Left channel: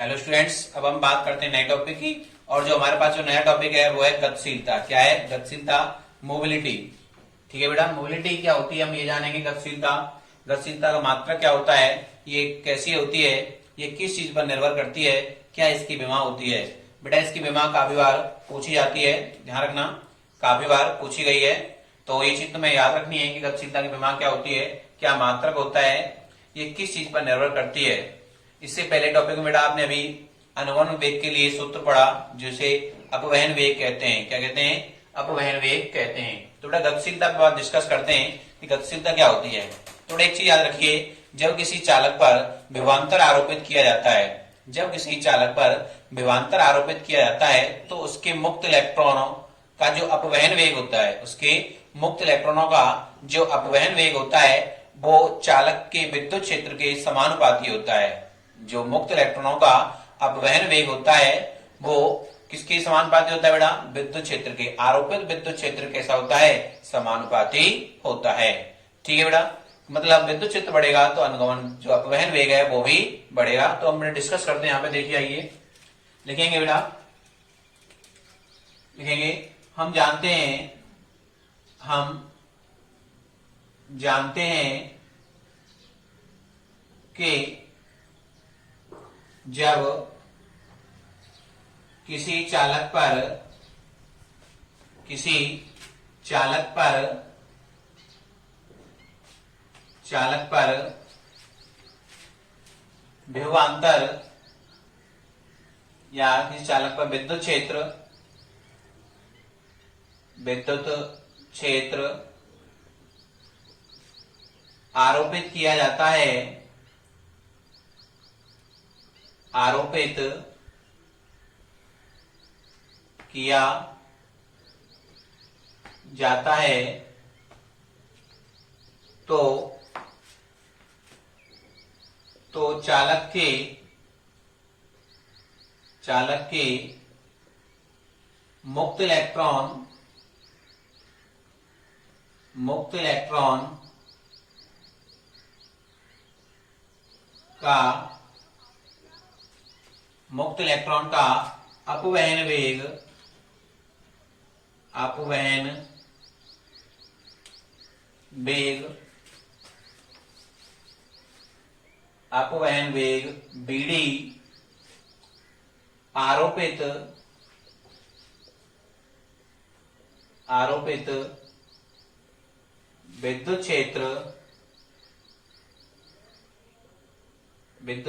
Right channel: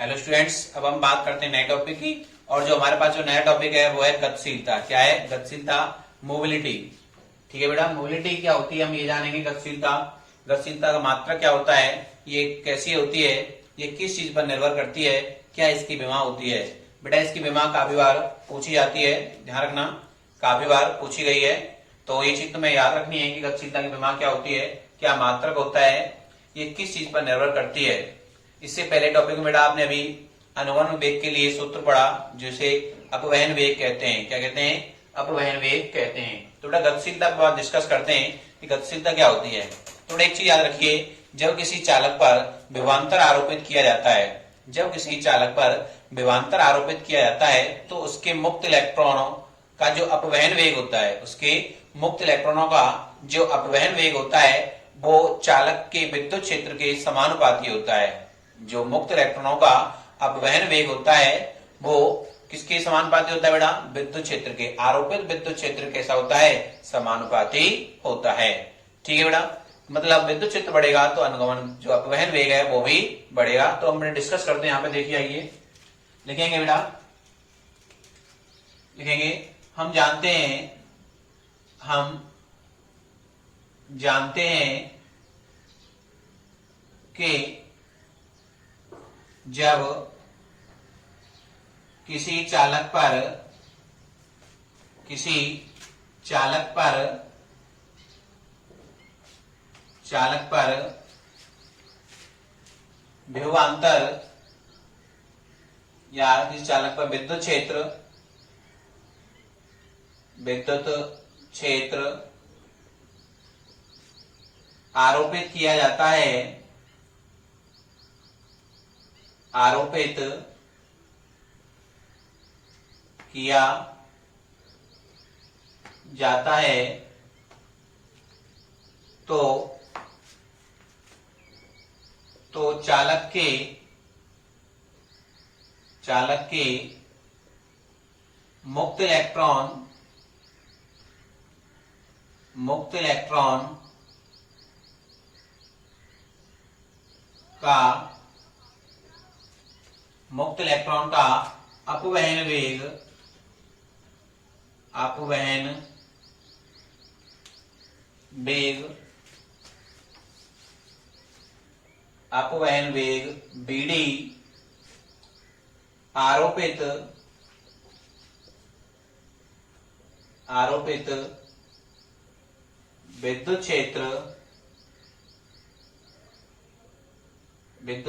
Hello students, अब हम बात करते हैं नए टॉपिक की। और जो हमारे पास जो नया टॉपिक है वो है गतिशीलता। क्या है? गतिशीलता, मोबिलिटी। ठीक है बेटा, मोबिलिटी क्या होती है हम ये जानेंगे। गतिशीलता, गतिशीलता का मात्रक क्या होता है, ये कैसी होती है, ये किस चीज पर निर्भर करती है, क्या इसकी विमा होती है। बेटा इसकी विमा काफी बार पूछी जाती है, ध्यान रखना, काफी बार पूछी गई है। तो ये चीज तुम्हें याद रखनी है कि गतिशीलता की विमा क्या होती है, क्या मात्रक होता है, ये किस चीज पर निर्भर करती है। इससे पहले टॉपिक में बेटा आपने अभी अनुगमन वेग के लिए सूत्र पढ़ा, जिसे अपवहन वेग कहते हैं। क्या कहते हैं? अपवहन वेग कहते हैं। तो बेटा गतिशीलता पर बात डिस्कस करते हैं कि गतिशीलता क्या होती है। तो बेटा एक चीज याद रखिए, जब किसी चालक पर विभवांतर आरोपित किया जाता है, जब किसी चालक पर विभवांतर आरोपित किया जाता है तो उसके मुक्त इलेक्ट्रॉनों का जो अपवहन वेग होता है, उसके मुक्त इलेक्ट्रॉनों का जो अपवहन वेग होता है वो चालक के विद्युत क्षेत्र के समानुपाती होता है। जो मुक्त इलेक्ट्रॉनों का अपवहन वेग होता है वो किसके समानुपाती होता है बेटा? विद्युत क्षेत्र के। आरोपित विद्युत क्षेत्र कैसा होता है? समानुपाती होता है। ठीक है बेटा, मतलब विद्युत क्षेत्र बढ़ेगा तो अनुगमन जो अपवहन वेग है वो भी बढ़ेगा। तो हम डिस्कस करते हैं, यहाँ पे देखिए, आइए लिखेंगे बेटा, लिखेंगे। हम जानते हैं कि जब किसी चालक पर विभवांतर या किसी चालक पर विद्युत क्षेत्र आरोपित किया जाता है, आरोपित किया जाता है तो चालक के मुक्त इलेक्ट्रॉन का अपवहन वेग बीडी आरोपित विद्युत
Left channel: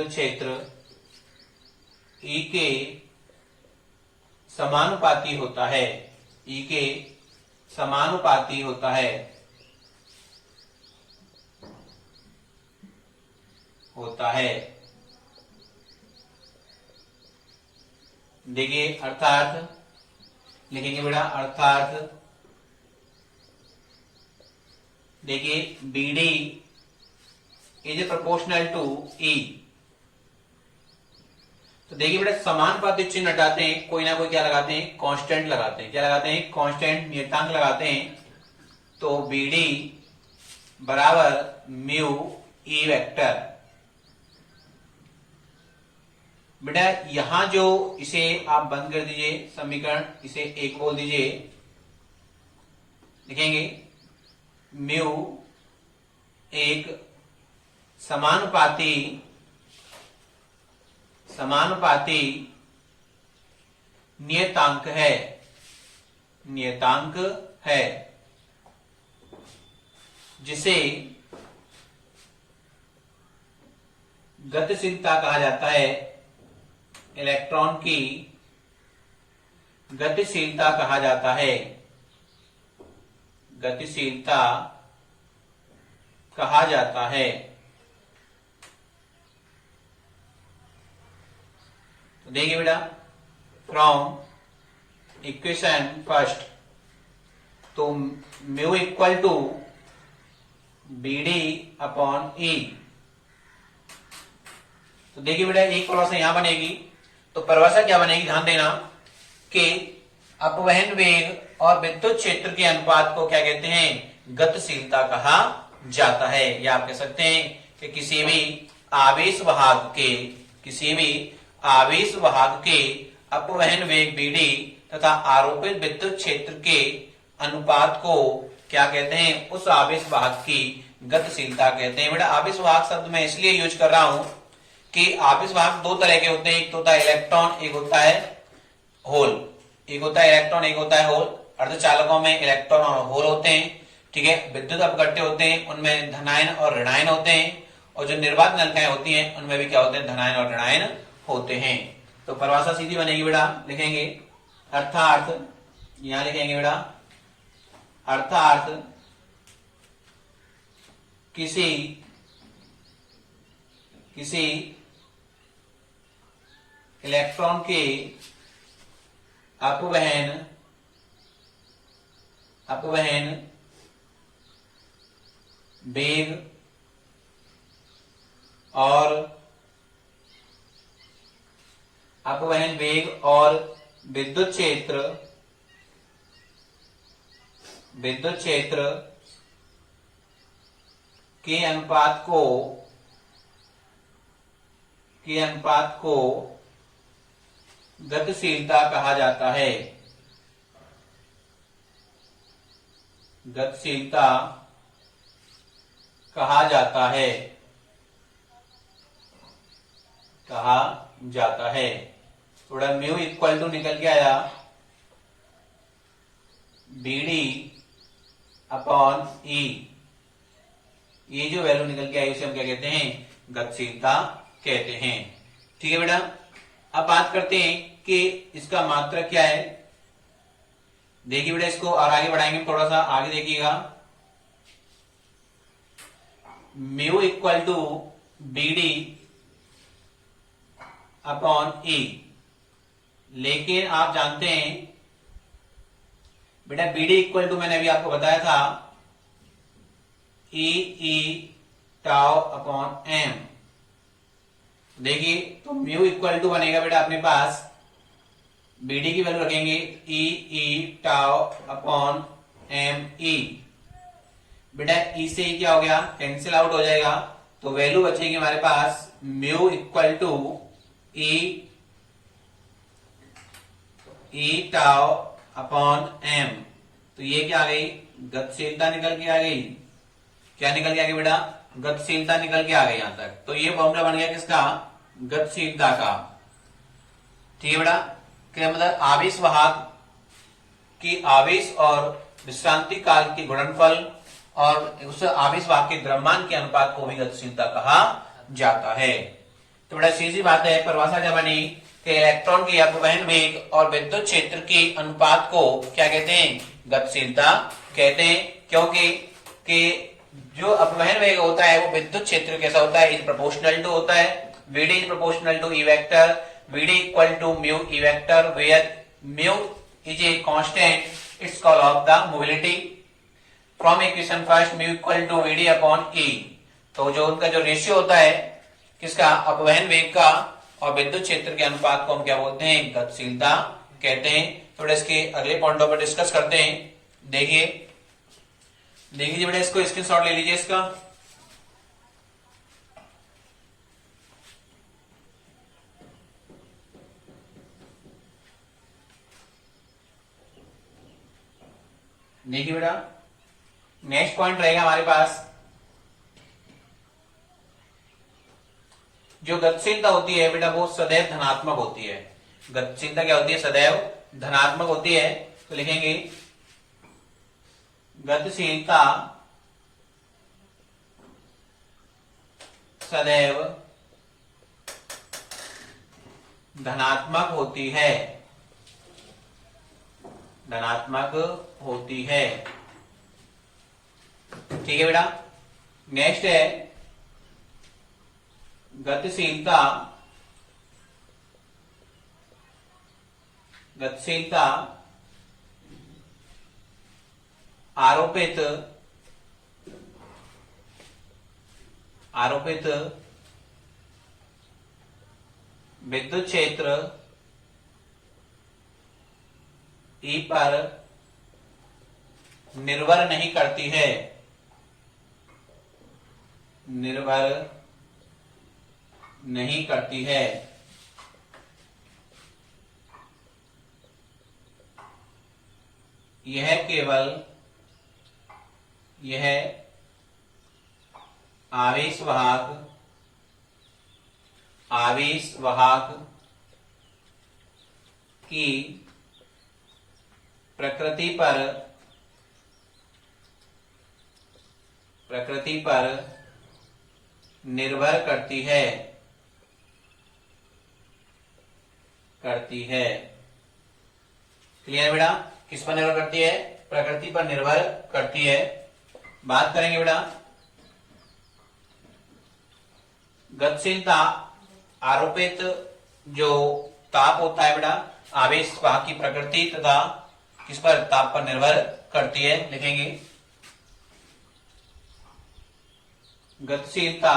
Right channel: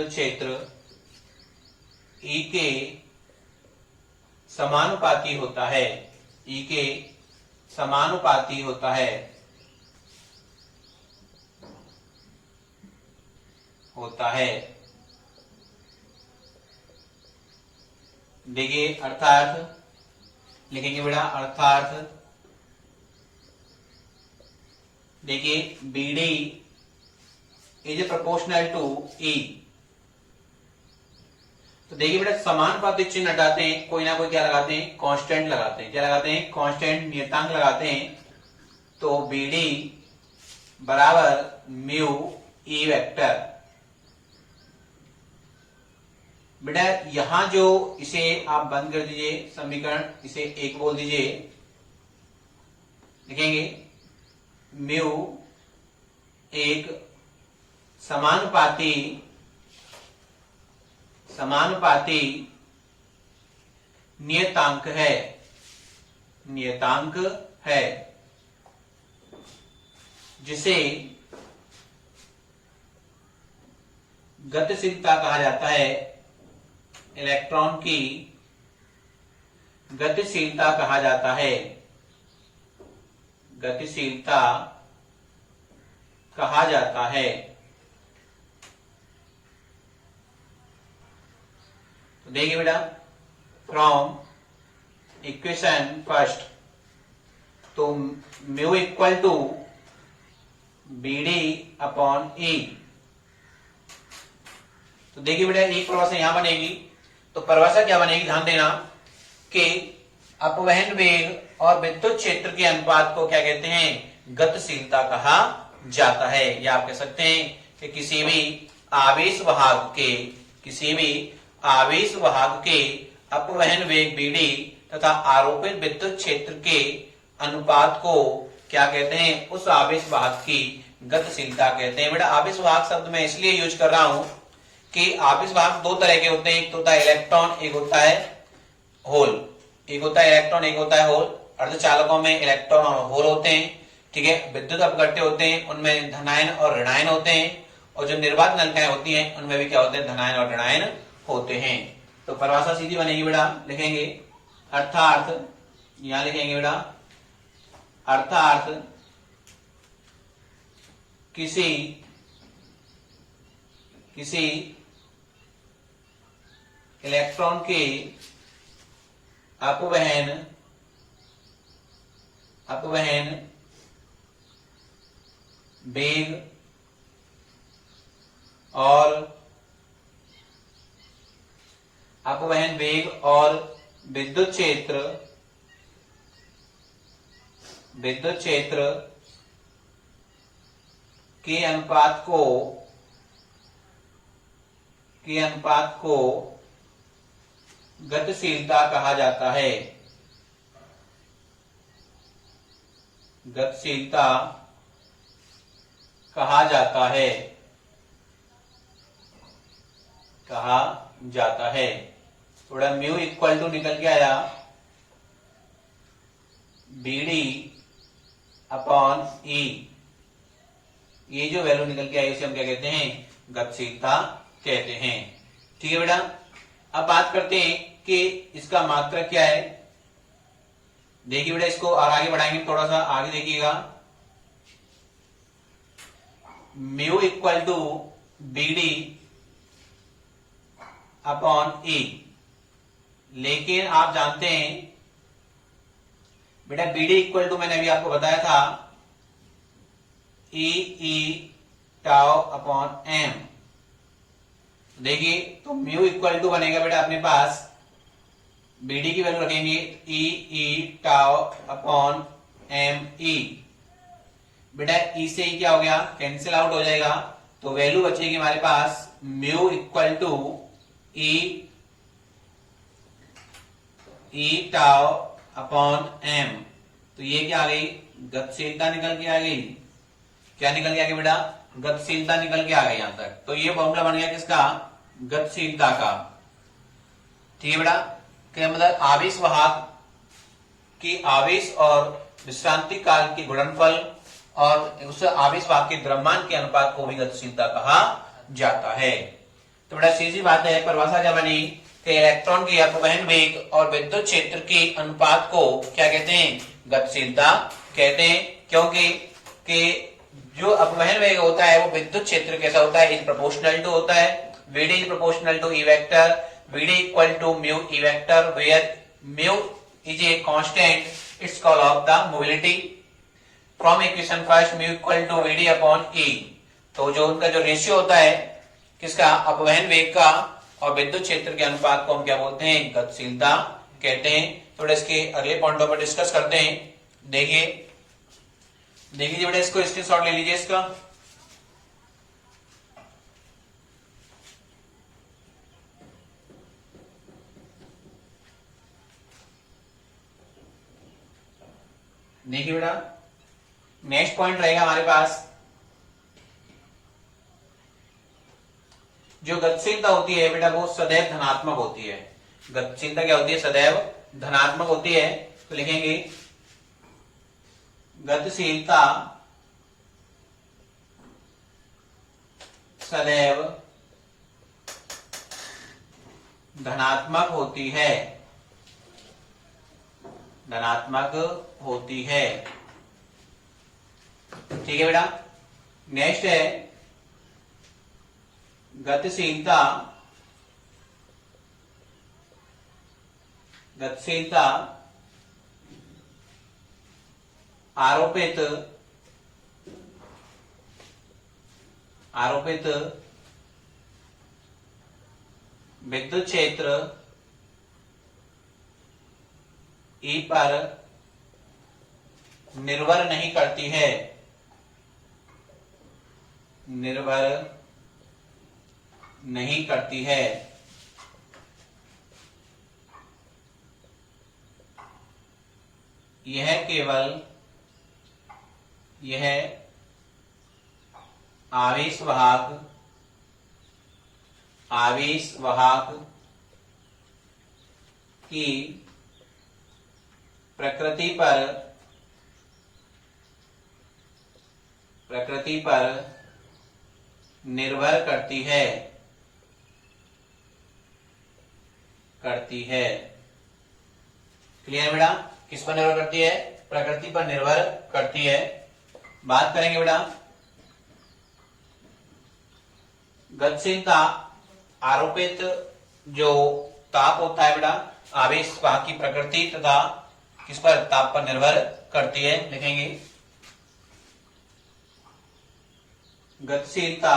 क्षेत्र ई के समानुपाती होता है, ई के समानुपाती होता है, देखिए अर्थात लिखेंगे बेटा, अर्थात देखिए BD is proportional to E। तो देखिए बेटा समानुपाती चिन्ह हटाते हैं, कोई ना कोई क्या लगाते हैं? कांस्टेंट लगाते हैं। क्या लगाते हैं? कांस्टेंट, नियतांक लगाते हैं। तो BD बराबर म्यू E वेक्टर। बेटा यहां जो इसे आप बंद कर दीजिए समीकरण, इसे एक बोल दीजिए, लिखेंगे म्यू एक समानुपाती नियतांक है, जिसे गतिशीलता कहा जाता है। इलेक्ट्रॉन की गतिशीलता कहा जाता है, गतिशीलता कहा जाता है। तो देखिए बेटा, फ्रॉम इक्वेशन फर्स्ट, तो mu equal to BD upon E। तो देखिए बेटा एक परिभाषा यहां बनेगी, तो परिभाषा क्या बनेगी, ध्यान देना कि अपवहन वेग और विद्युत क्षेत्र के अनुपात को क्या कहते हैं? गतिशीलता कहा जाता है। या आप कह सकते हैं कि किसी भी आवेश आवेश वाहक के अपवहन वेग बीडी तथा आरोपित विद्युत क्षेत्र के अनुपात को क्या कहते हैं? उस आवेश वाहक की गतिशीलता कहते हैं। बेटा आवेश वाहक शब्द मैं इसलिए यूज कर रहा हूं कि आवेश वाहक दो तरह के होते हैं, एक तो होता है इलेक्ट्रॉन, एक होता है होल। एक होता है इलेक्ट्रॉन, एक होता है होल। अर्धचालकों में इलेक्ट्रॉन और होल होते हैं, ठीक है। विद्युत अपघट्य होते हैं, उनमें धनायन और ऋणायन होते हैं। और जो निर्वात नलिकाएं होती हैं उनमें भी क्या होते हैं? धनायन और ऋणायन होते हैं। तो परिभाषा सीधी बनेगी बेटा, लिखेंगे अर्थार्थ, यहां लिखेंगे बेटा अर्थार्थ किसी इलेक्ट्रॉन के अपवहन वेग और विद्युत क्षेत्र के अनुपात को गतिशीलता कहा जाता है। गतिशीलता कहा जाता है। थोड़ा म्यू इक्वल टू निकल के आया बीडी अपॉन ई। ये जो वैल्यू निकल के आई उसे हम क्या कहते हैं? गतिशीलता कहते हैं। ठीक है बेटा, अब बात करते हैं कि इसका मात्रक क्या है। देखिए बेटा, इसको और आगे बढ़ाएंगे, थोड़ा सा आगे देखिएगा। Mu equal to V D upon E. लेकिन आप जानते हैं बेटा बीडी इक्वल टू मैंने अभी आपको बताया था ई टाउ अपॉन एम। देखिए तो म्यू इक्वल टू बनेगा बेटा अपने पास, बीडी की वैल्यू रखेंगे ई टाउ अपॉन एम ई। बेटा ई से ही क्या हो गया? कैंसिल आउट हो जाएगा, तो वैल्यू बचेगी हमारे पास mu equal to E tau upon M. तो ये क्या आ गई? गतिशीलता निकल के आ गई। क्या निकल के आ गई बेटा? गतिशीलता निकल के आ गई यहां तक। तो ये फॉर्मूला बन गया किसका? गतिशीलता का। ठीक है बेटा, क्या मतलब? आवेश वाहक की आवेश और विश्रांति काल की गुणनफल और उस आवेश वाहक के द्रव्यमान के अनुपात को भी गतिशीलता कहा जाता है। तो बड़ा सीधी बात है, परिभाषा क्या बनी कि इलेक्ट्रॉन के अपवहन वेग और विद्युत क्षेत्र के अनुपात को क्या कहते हैं? गतिशीलता कहते हैं। क्योंकि जो अपवहन वेग होता है वो विद्युत क्षेत्र कैसा होता है? इज प्रोपोर्शनल टू होता है। V D is proportional to E vector, V D equal to mu E vector, where mu is a constant it's call of the mobility. From equation first mu equal to V D upon E. तो जो उनका जो ratio होता है किसका? अपवहन वेग का और विद्युत क्षेत्र के अनुपात को हम क्या बोलते हैं? गतिशीलता कहते हैं। थोड़ा इसके अगले पॉइंटों पर डिस्कस करते हैं। देखिए बेटा, इसको स्क्रीनशॉट ले लीजिए इसका। देखिए बेटा, नेक्स्ट पॉइंट रहेगा हमारे पास, जो गतिशीलता होती है बेटा वो सदैव धनात्मक होती है। गतिशीलता क्या होती है? सदैव धनात्मक होती है। तो लिखेंगे गतिशीलता सदैव धनात्मक होती है। धनात्मक होती है। ठीक है बेटा, नेक्स्ट है गतिशीलता आरोपित विद्युत क्षेत्र ई पर निर्भर नहीं करती है। निर्भर नहीं करती है। यह केवल यह आवेश वाहक की प्रकृति पर निर्भर करती है क्लियर बेटा? किस पर निर्भर करती है? प्रकृति पर निर्भर करती है। बात करेंगे बेटा गतिशीलता, आरोपित जो ताप होता है बेटा आवेश वाहक की प्रकृति तथा किस पर? ताप पर निर्भर करती है। लिखेंगे गतिशीलता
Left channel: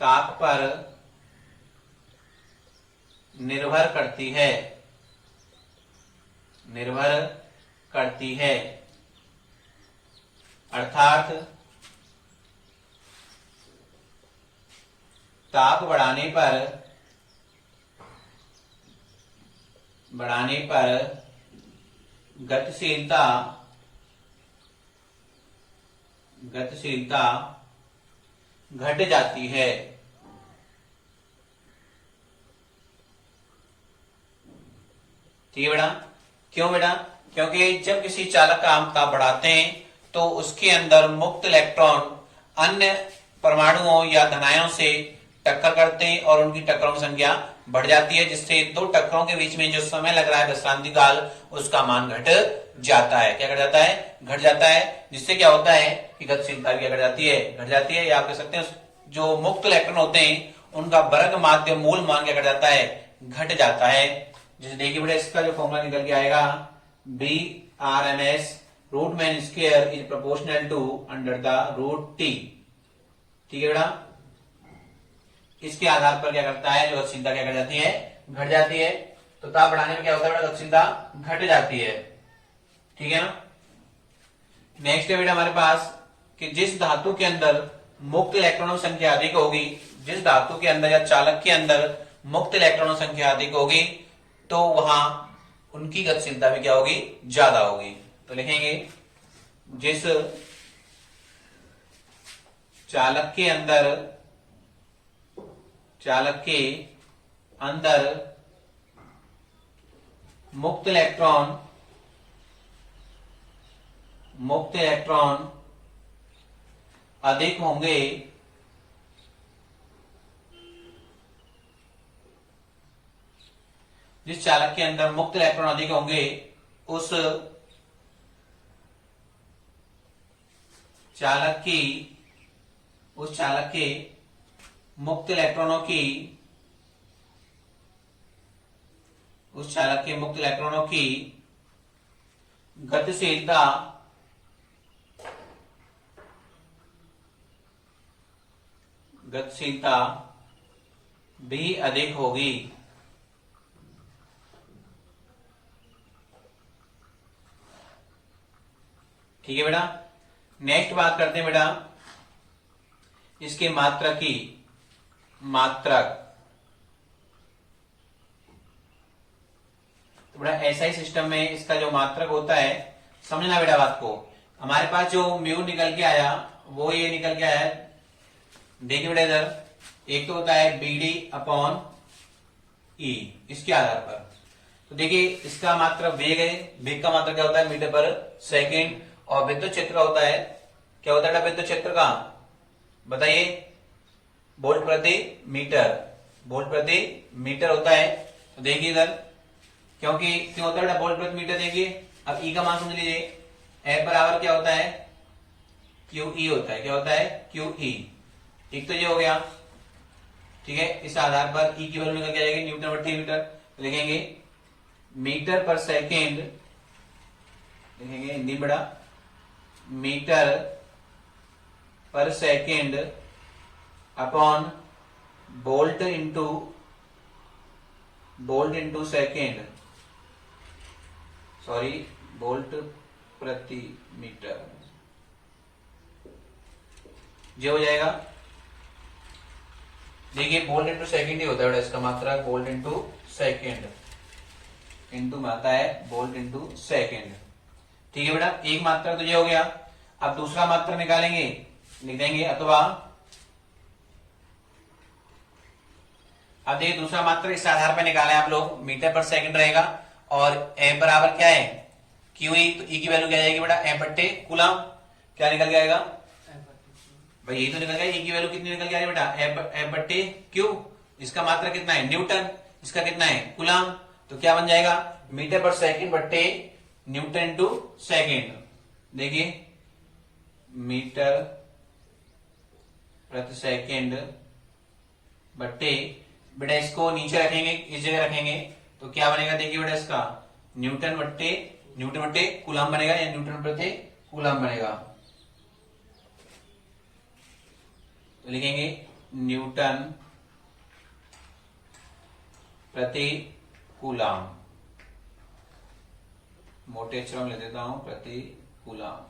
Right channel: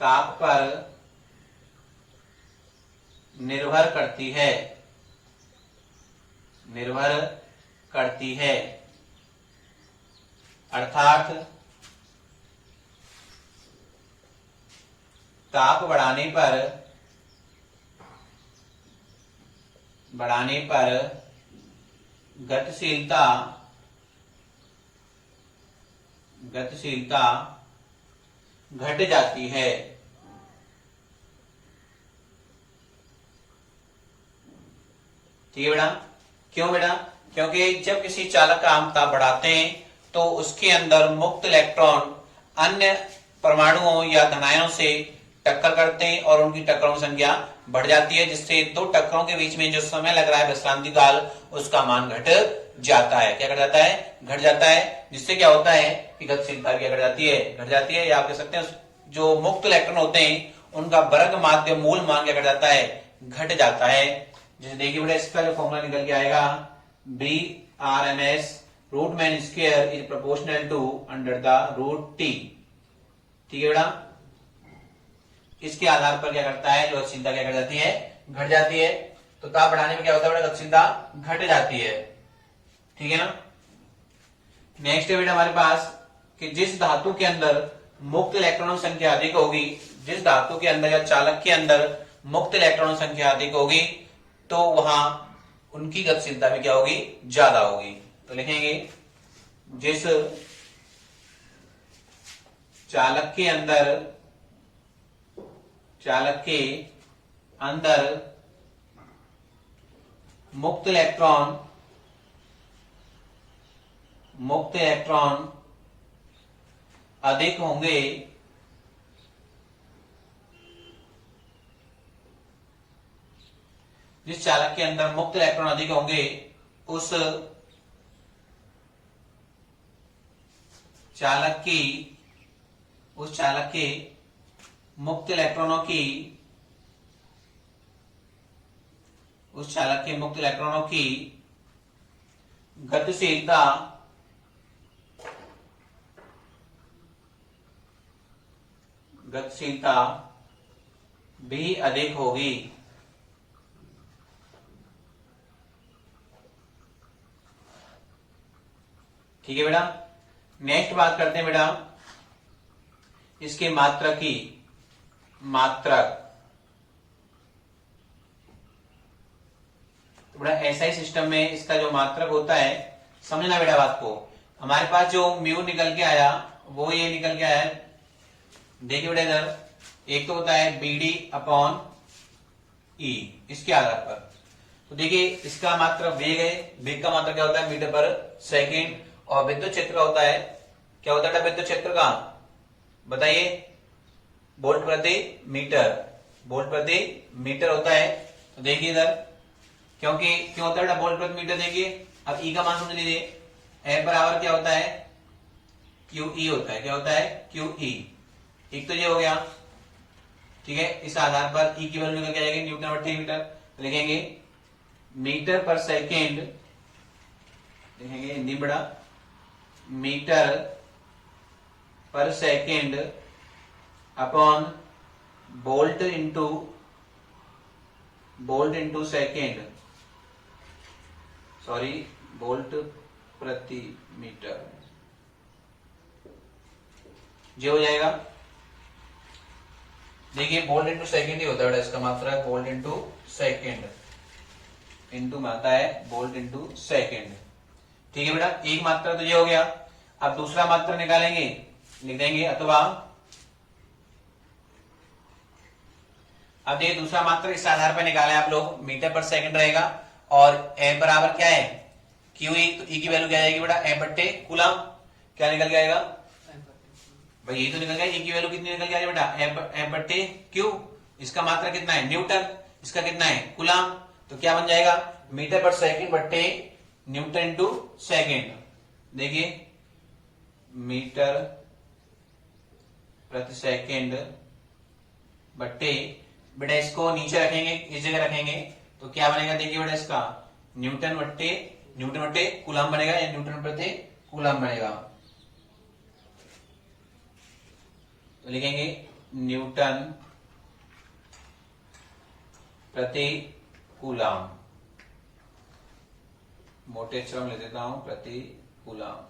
ताप पर निर्भर करती है अर्थात ताप बढ़ाने पर गतिशीलता घट जाती है। ठीक है बेटा? क्यों बेटा? क्योंकि जब किसी चालक का हम ताप बढ़ाते हैं तो उसके अंदर मुक्त इलेक्ट्रॉन अन्य परमाणुओं या धनायों से टक्कर करते हैं और उनकी टक्करों की संख्या बढ़ जाती है, जिससे दो टक्करों के बीच में जो समय लग रहा है विश्रांति काल उसका मान घट जाता है। क्या घट जाता है? घट जाता है, जिससे क्या होता है कि गतिशीलता भी घट जाती है। या आप कह सकते हैं जो मुक्त इलेक्ट्रॉन होते हैं उनका वर्ग माध्य मूल मान क्या घट जाता है? घट जाता है। जैसे देखिए बेटा इसका जो फॉर्मूला निकल के आएगा BRNS root mean square is proportional to under the root T. ठीक है बेटा? इसके आधार पर क्या करता है जो गतिशीलता क्या कर जाती है? घट जाती है। तो ताप बढ़ाने में क्या होता है बेटा? गतिशीलता घट जाती है। ठीक है ना? नेक्स्ट है बेटा हमारे पास कि जिस धातु के अंदर मुक्त इलेक्ट्रॉनों की संख्या अधिक होगी, जिस धातु के अंदर या चालक के अंदर मुक्त इलेक्ट्रॉनों की संख्या अधिक होगी तो वहां उनकी गतिशीलता भी क्या होगी? ज्यादा होगी। तो लिखेंगे जिस चालक के अंदर मुक्त इलेक्ट्रॉन अधिक होंगे जिस चालक के अंदर मुक्त इलेक्ट्रॉन अधिक होंगे उस चालक के मुक्त इलेक्ट्रॉनों की गतिशीलता भी अधिक होगी। ठीक है बेटा? नेक्स्ट बात करते हैं बेटा इसके मात्रक की। तो बेटा ऐसा ही सिस्टम में इसका जो मात्रक होता है, समझना बेटा बात को, हमारे पास जो म्यू निकल के आया वो ये निकल के आया है। देखिए बेटा इधर एक तो होता है BD अपॉन E इसके आधार पर। तो देखिए इसका मात्रक वेग है, वेग का मात्रक क्या होता है? मीटर पर सेकेंड। और विद्युत क्षेत्र का होता है, क्या होता है विद्युत क्षेत्र का? बताइए, वोल्ट प्रति मीटर होता है। तो देखिए इधर क्यों होता है वोल्ट प्रति मीटर? देखिए अब E का मान समझ लीजिए, F बराबर क्या होता है? QE होता है। क्या होता है? QE। एक तो ये हो गया। ठीक है? इस आधार पर E की वैल्यू निकल के आ जाएगी न्यूटन प्रति मीटर। तो लिखेंगे मीटर पर सेकेंड, लिखेंगे हिंदी बड़ा, मीटर पर second upon volt into second, sorry volt प्रति मीटर, जो हो जाएगा। देखिए वोल्ट इंटू सेकेंड ही होता है बेटा, इसका मात्रा वोल्ट इंटू सेकेंड, इंटू में आता है वोल्ट इंटू सेकेंड। ठीक है बेटा, एक मात्रा तो ये हो गया। अब दूसरा मात्रा निकालेंगे, लिख देंगे अथवा, अब देखिए दूसरा मात्रा इस आधार पर निकाले आप लोग, मीटर पर सेकंड रहेगा और एम बराबर क्या है क्यू ई, तो ई की वैल्यू क्या जाएगी बेटा एम बट्टे कूलम, क्या निकल जाएगा भाई, यही तो निकल जाएगा, ई की वैल्यू कितनी निकल जाएगी बेटा एम बट्टे क्यू, इसका मात्रा कितना है न्यूटन, इसका कितना है कूलम, तो क्या बन जाएगा मीटर पर सेकंड बट्टे न्यूटन इंटू सेकेंड। देखिए मीटर प्रति सेकंड बट्टे, बेटा इसको नीचे रखेंगे, इस जगह रखेंगे तो क्या बनेगा, देखिए बेटा इसका न्यूटन बट्टे कूलम बनेगा, या न्यूटन प्रति कूलम बनेगा, तो लिखेंगे न्यूटन प्रति कूलम, मोटे अक्षरों में लिख देता हूं प्रति कूलम।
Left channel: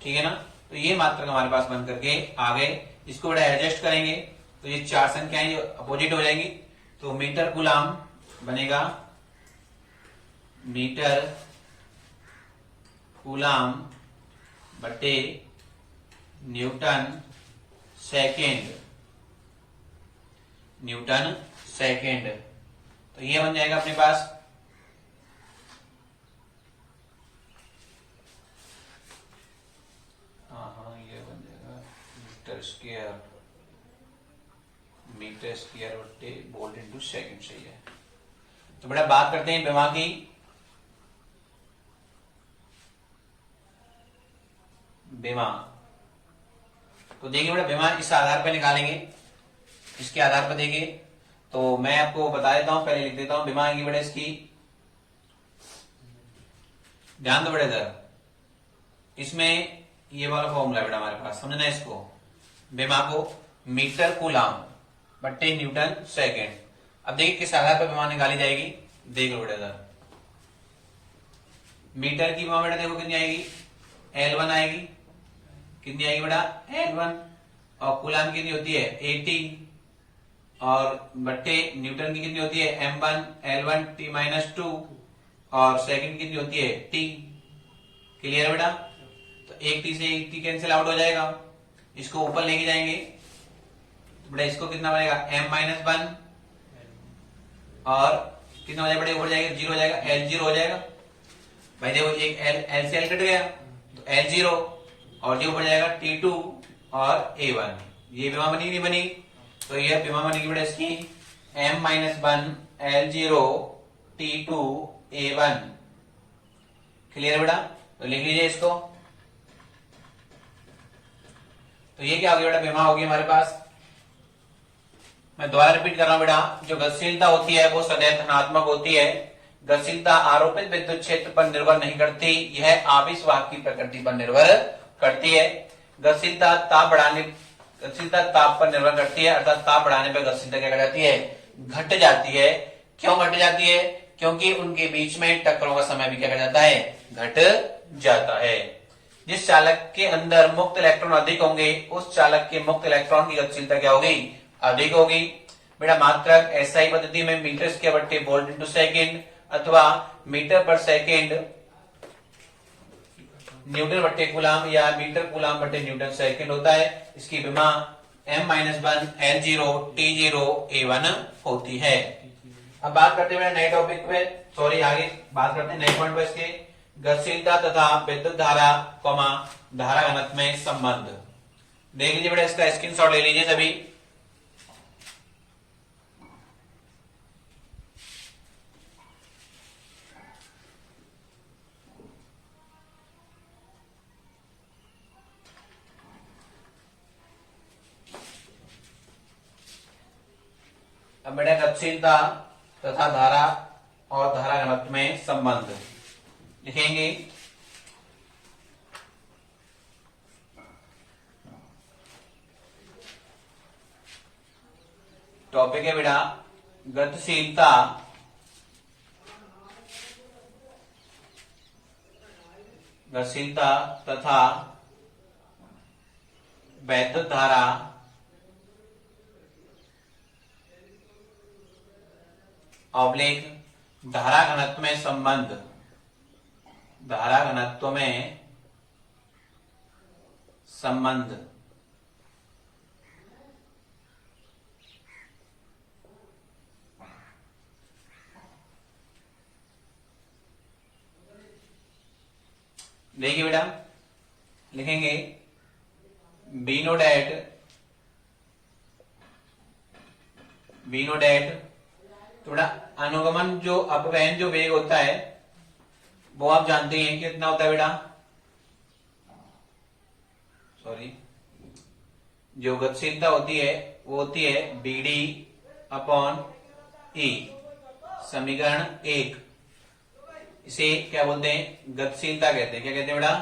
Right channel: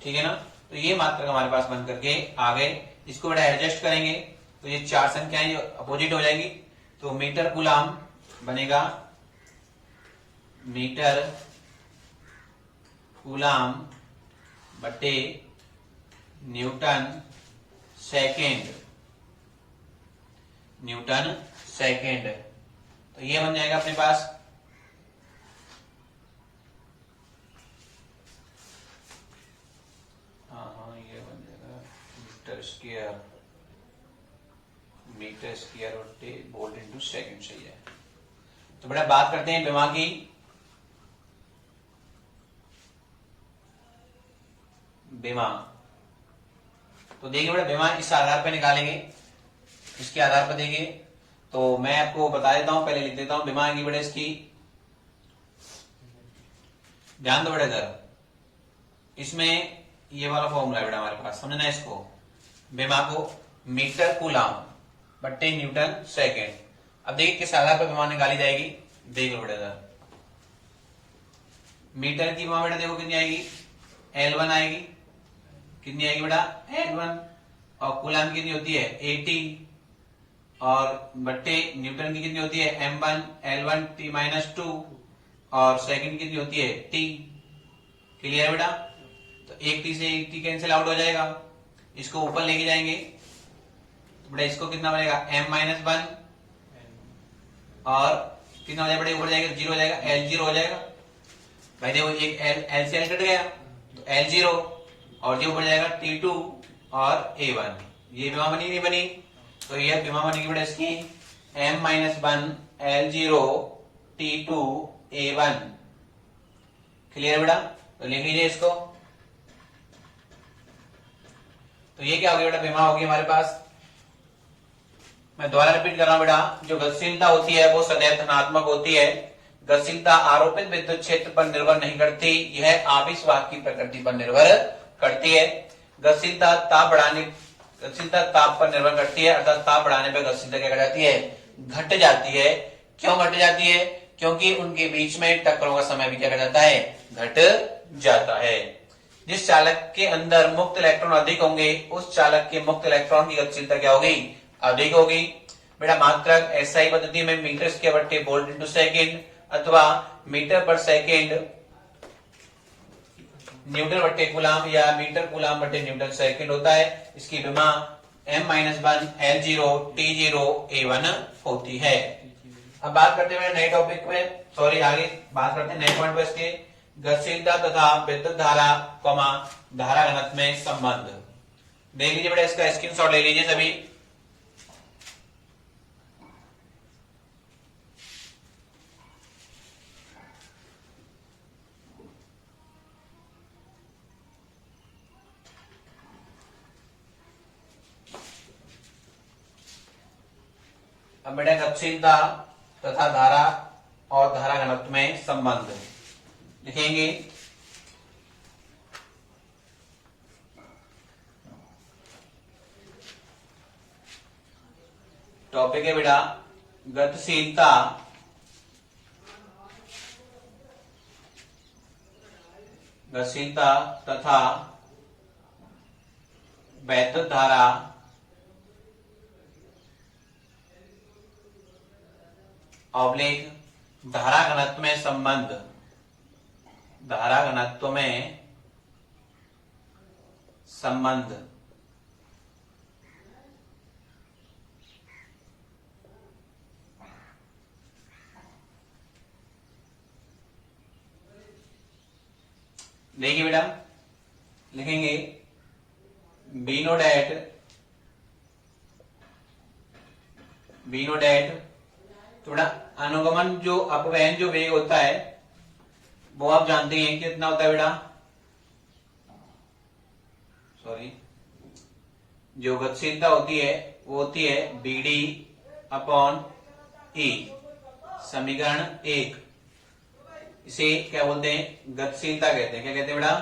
ठीक है ना, तो ये मात्रा हमारे पास बन करके आ गए। इसको बेटा एडजस्ट करेंगे तो ये चार संख्याएं जो अपोजिट हो जाएंगी, तो मीटर कूलम बनेगा मीटर कूलम बट्टे न्यूटन सेकेंड, न्यूटन सेकेंड, तो ये बन जाएगा अपने पास। हाँ ये बन जाएगा मीटर स्क्वायर बट्टे वोल्ट इंटू सेकेंड, सही है। तो बेटा बात करते हैं विमा की। विमा, तो देखिए बेटा विमा इस आधार पर निकालेंगे, इसके आधार पर देखिए, तो मैं आपको बता देता हूं, पहले लिख देता हूं विमा की बेटा इसकी, ध्यान दो बेटा इधर, इसमें ये वाला फॉर्मूला बेटा हमारे पास, समझना है इसको, विमा को मीटर कूलम बट्टे न्यूटन सेकेंड। अब देखिए किस आधार पर विमा निकाली जाएगी, देख लो बेटा इधर, मीटर की विमा बेटा देखो कितनी आएगी L1 आएगी, कितनी आएगी बेटा L1, और कूलम कितनी होती है 80, और बट्टे न्यूटन की कितनी होती है M1 L1 T माइनस 2, और सेकंड कितनी होती है T। क्लियर है बेटा, तो एक T से एक T कैंसिल आउट हो जाएगा, इसको ऊपर लेके जाएंगे तो बेटा इसको कितना बनेगा M माइनस 1, और कितना हो जाएगा बेटा ऊपर जाएगा 0 हो जाएगा, L0 हो जाएगा भाई, देखो एक L से L कट गया तो L0, और ये ऊपर जाएगा T2 और A1, ये विमा बनी नहीं बनी, तो ये विमा बनेगी बेटा इसकी M minus 1 L0 T2 A1। Clear बेटा, तो लिख लीजिए इसको, तो ये क्या हो गया बेटा विमा होगी हमारे पास। मैं दोबारा रिपीट कर रहा हूं बेटा, जो गतिशीलता होती है वो सदैव धनात्मक होती है, गतिशीलता आरोपित विद्युत क्षेत्र पर निर्भर नहीं करती, यह आवेशवाहक की प्रकृति पर निर्भर करती है। गतिशीलता ताप पर निर्भर करती है, अर्थात ताप बढ़ाने पर गतिशीलता क्या कर जाती है घट जाती है। क्यों घट जाती है, क्योंकि उनके बीच में टक्करों का समय भी क्या कर जाता है घट जाता है। जिस चालक के अंदर मुक्त इलेक्ट्रॉन अधिक होंगे उस चालक के मुक्त इलेक्ट्रॉन की गतिशीलता क्या होगी अधिक होगी। बेटा मात्रक एसआई पद्धति में मीटर स्क्वायर बट्टे वोल्ट इंटू सेकेंड अथवा मीटर पर सेकेंड न्यूटन बट्टे कूलम या मीटर कूलम बट्टे न्यूटन सेकेंड होता है। इसकी विमा M-1 L0 T0 A1 होती है। अब बात करते हैं नए टॉपिक में, सॉरी आगे बात करते हैं नए पॉइंट पर, इसके गतिशीलता तथा विद्युत धारा धारा घनत्व में संबंध। देख लीजिए बेटा, इसका स्क्रीनशॉट ले लीजिए सभी। अब बेटा गतिशीलता तथा धारा और धारा घनत्व में संबंध लिखेंगे। टॉपिक है बेटा गतिशीलता तथा वैद्युत धारा ऑब्लिक धारा घनत्व में संबंध, धारा घनत्व में संबंध। देखिए बेटा, लिखेंगे be know that, be know that. तो बेटा अनुगमन जो अपवहन जो वेग होता है वो आप जानते हैं कितना होता है बेटा, सॉरी, जो गतिशीलता होती है वो होती है बी डी अपॉन ई, समीकरण 1। इसे क्या बोलते हैं, गतिशीलता कहते हैं। क्या कहते हैं बेटा,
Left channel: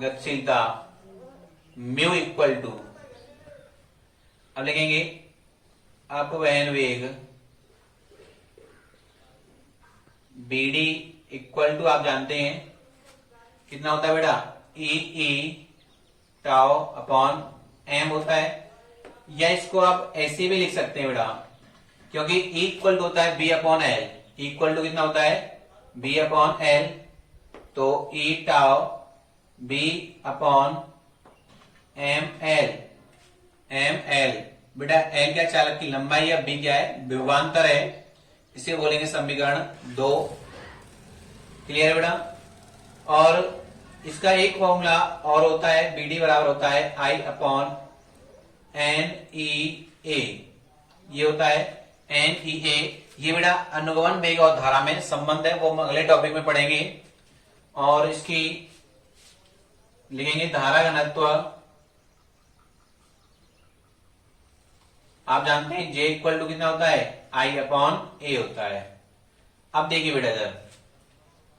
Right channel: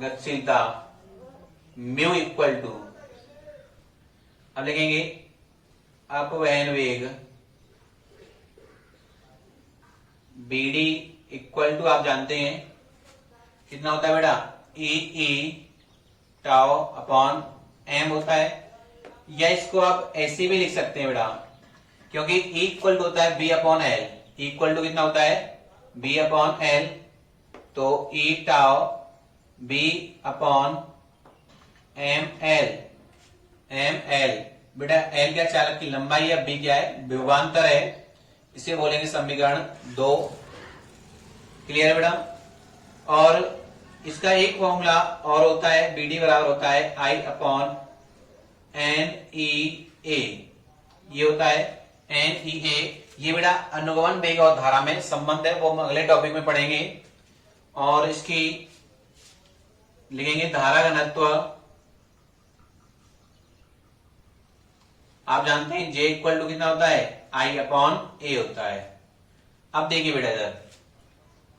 गतिशीलता। म्यू इक्वल टू, अब लिखेंगे अपवहन वेग बी डी इक्वल टू, आप जानते हैं कितना होता है बेटा, ई टाउ अपॉन एम होता है। या इसको आप ऐसे भी लिख सकते हैं बेटा, क्योंकि ई इक्वल टू होता है V upon L, equal to कितना होता है, बी अपॉन एल। तो E tau V upon M L, M L. बेटा एल क्या चालक की लंबाई है, बी क्या है विभवांतर है, इसे बोलेंगे समीकरण 2। क्लियर है बेटा। और इसका एक फॉर्मूला और होता है, बी डी बराबर होता है आई अपॉन एन ई ए, ये होता है एन ई ए। ये बेटा अनुगमन वेग और धारा में संबंध है, वो हम अगले टॉपिक में पढ़ेंगे। और इसकी लिखेंगे धारा घनत्व, आप जानते हैं जे इक्वल टू कितना होता है, आई अपॉन ए होता है। अब देखिए बेटा इधर,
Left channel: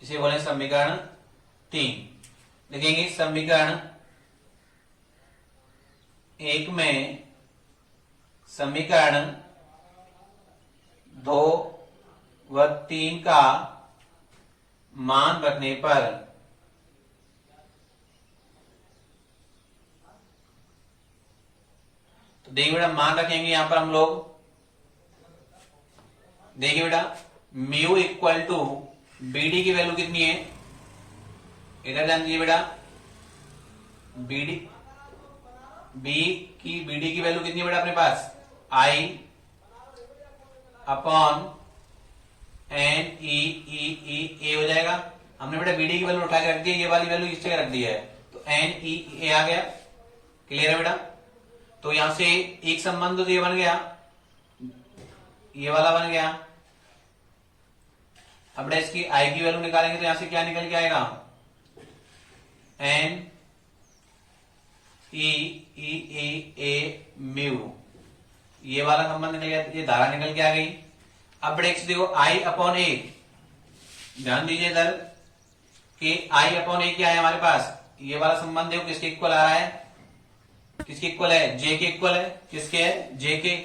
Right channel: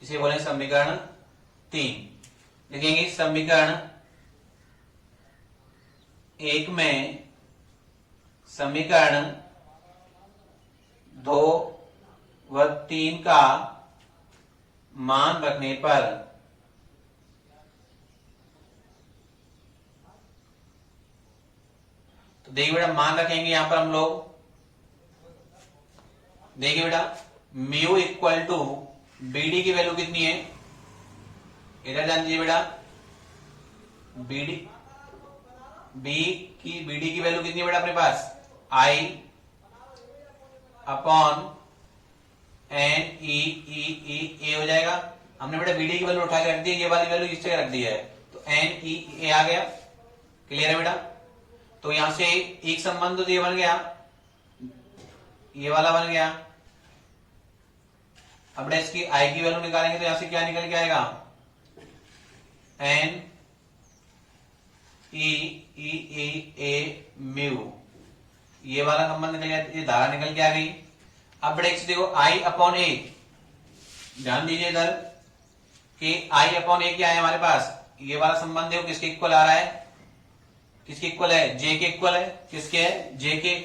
इसे बोले समीकरण 3। लिखेंगे समीकरण 1 में समीकरण 2 व 3 का मान रखने पर तो देखिए बेटा मान रखेंगे यहां पर हम लोग, देखिए बेटा म्यू इक्वल टू बीडी की वैल्यू कितनी है, इधर जान दीजिए बेटा, बीडी बीडी की वैल्यू कितनी है बेटा अपने पास, आई अपॉन एन ई ए हो जाएगा। हमने बेटा बीडी की वैल्यू उठा के रख दी है, ये वाली वैल्यू इस जगह रख दी है, तो एन ई ए आ गया। क्लियर है बेटा। तो यहां से एक संबंध तो ये बन गया, ये वाला बन गया। अब बेटा इसकी आई की वैल्यू निकालेंगे तो यहां से क्या निकल के आएगा, एन ई ए म्यू, ये वाला संबंध निकल गया, ये धारा निकल के आ गई। अब बेटा इसे देखो आई अपॉन ए, ध्यान दीजिए इधर कि आई अपॉन ए क्या है हमारे पास, ये वाला संबंध देखो किसके इक्वल आ रहा है, किसके इक्वल है, जे के इक्वल है। किसके है, जे के।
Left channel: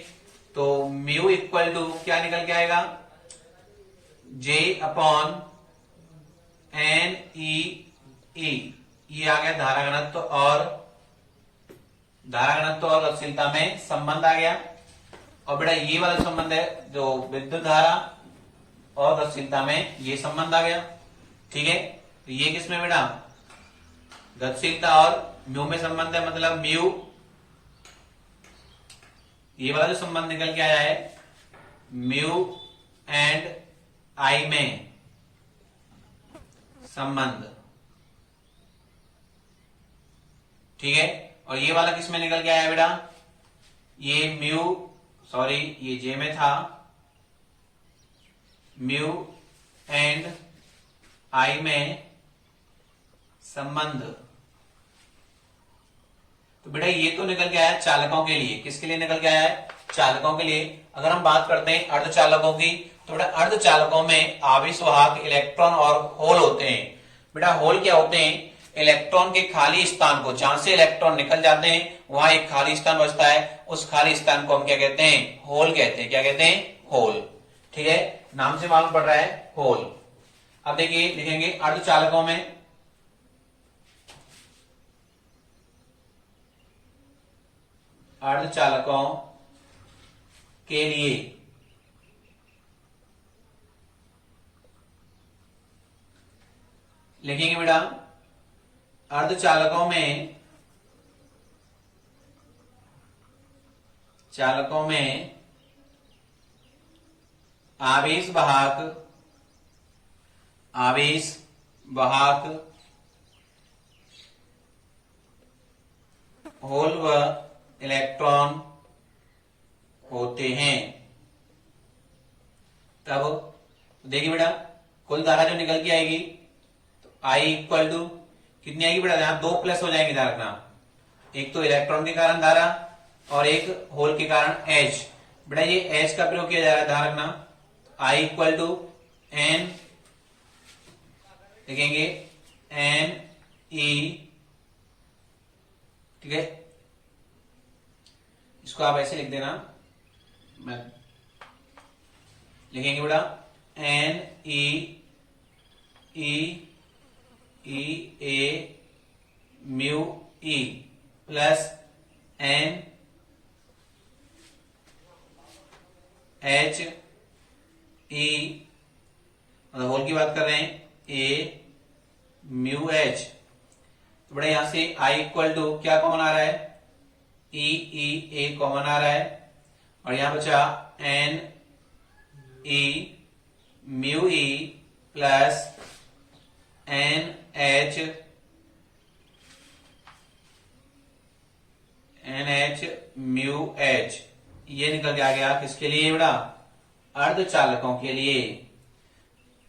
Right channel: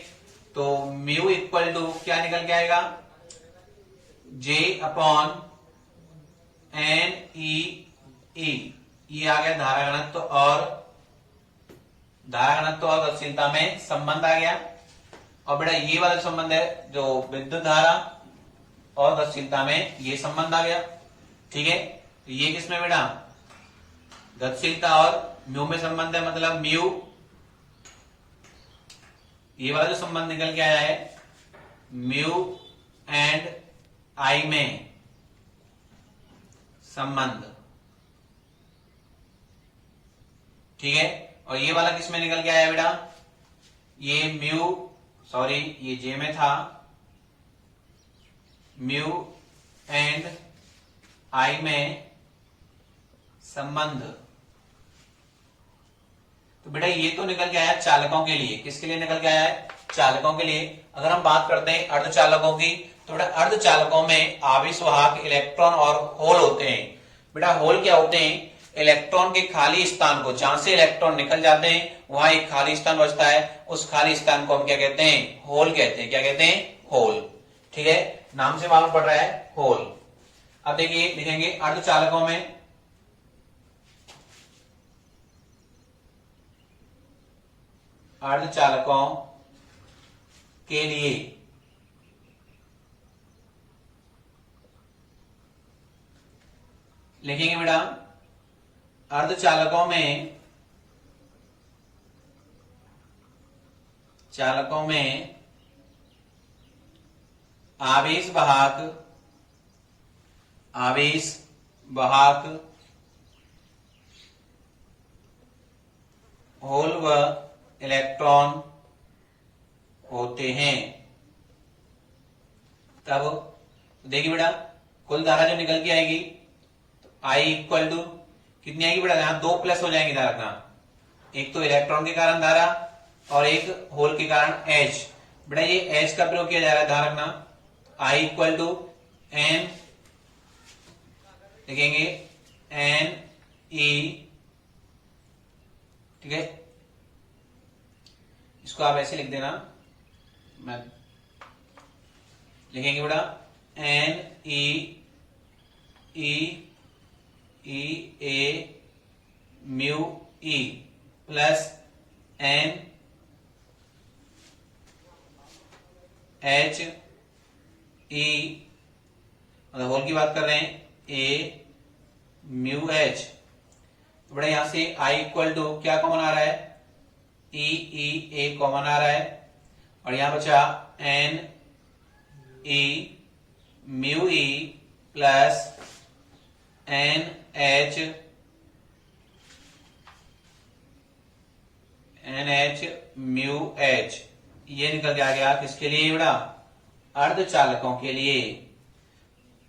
तो म्यू इक्वल टू क्या निकल के आएगा, जे अपॉन एन ई ई, ये आ गया धारा घनत्व और गतिशीलता में संबंध आ गया। और बेटा ये वाला संबंध है जो विद्युत धारा और गतिशीलता में, ये संबंध आ गया। ठीक है, तो ये किसमें बेटा, गतिशीलता और म्यू में संबंध है, मतलब म्यू, ये वाला जो संबंध निकल के आया है म्यू एंड आई में संबंध। ठीक है, और ये वाला किसमें निकल के आया बेटा, ये म्यू, सॉरी ये जे में था, म्यू एंड आई में संबंध। तो बेटा ये तो निकल के आया चालकों के लिए, किसके लिए निकल के आया है, चालकों के लिए। अगर हम बात करते हैं अर्धचालकों की, तो बेटा अर्धचालकों में आवेश वाहक इलेक्ट्रॉन और होल होते हैं। बेटा होल क्या होते हैं, इलेक्ट्रॉन के खाली स्थान को, जहां से इलेक्ट्रॉन निकल जाते हैं वहां एक खाली स्थान बचता है, उस खाली स्थान को हम क्या कहते हैं, होल कहते हैं। क्या कहते हैं, होल। ठीक है, नाम से मालूम पड़ रहा है होल। अब देखिए लिखेंगे अर्धचालकों में, अर्धचालकों के लिए लिखेंगे बेटा अर्धचालकों में आवेश वाहक होल व इलेक्ट्रॉन होते हैं। तब देखिए बेटा कुल धारा जो निकल के आएगी तो आई इक्वल टू कितनी आएगी बेटा, यहां 2 प्लस हो जाएंगे ध्यान रखना, एक तो इलेक्ट्रॉन के कारण धारा और एक होल के कारण एच। बेटा ये एच का प्रयोग किया जा रहा है, ध्यान रखना, आई इक्वल टू एन लिखेंगे एन ई, ठीक है, इसको आप ऐसे लिख देना, मैं लिखेंगे बेटा N E E E A mu E plus N H E, मतलब होल की बात कर रहे हैं, ए म्यू एच। तो बड़ा यहां से आई इक्वल टू क्या कॉमन आ रहा है, ई ई ए कॉमन आ रहा है, और यहां बचा N E mu E plus N H mu H. ये निकल के आ गया किसके लिए बेटा, अर्धचालकों के लिए,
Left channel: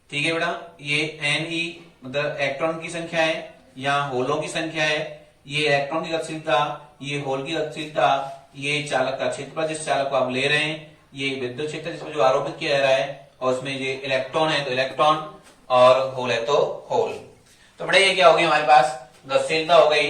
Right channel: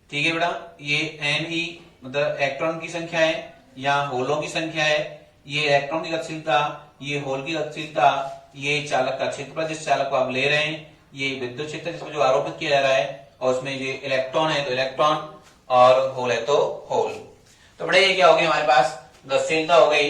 ठीक है बेटा। ये एन ई मतलब इलेक्ट्रॉन की संख्या है, यहाँ होलों की संख्या है, ये इलेक्ट्रॉन की गतिशीलता, ये होल की गतिशीलता, ये चालक का क्षेत्रफल जिस चालक को आप ले रहे हैं, ये विद्युत क्षेत्र जिसमें जो आरोपित किया जा रहा है, और उसमें ये इलेक्ट्रॉन है तो इलेक्ट्रॉन और होल है तो होल। तो बड़े ये क्या हो गई हमारे पास गतिशीलता हो गई।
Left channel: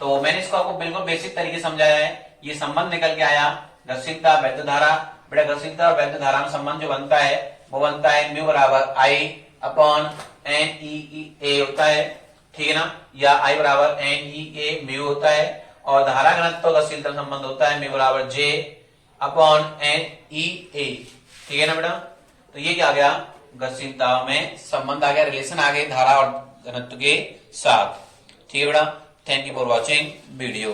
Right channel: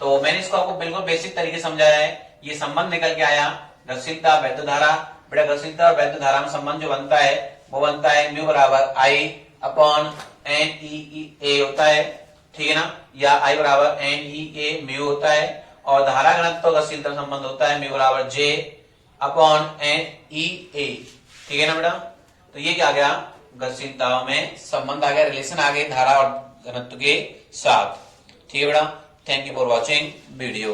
तो मैंने इसको आपको बिल्कुल बेसिक तरीके से समझाया है, ये संबंध निकल के आया गतिशीलता वैद्युत धारा। बेटा गतिशीलता और वैद्युत धारा में संबंध जो बनता है वो बनता है म्यू बराबर आई अपॉन एन ई ए होता है, ठीक है ना, या आई बराबर एन ई ए म्यू होता है, और धारा घनत्व गतिशीलता संबंध होता है म्यू बराबर जे अपॉन एन ई ए, ठीक है ना बेटा। तो ये क्या आ गया, गतिशीलता में संबंध आ गया, रिलेशन आ गई धारा और घनत्व के साथ, ठीक है बेटा। Thank you for watching video.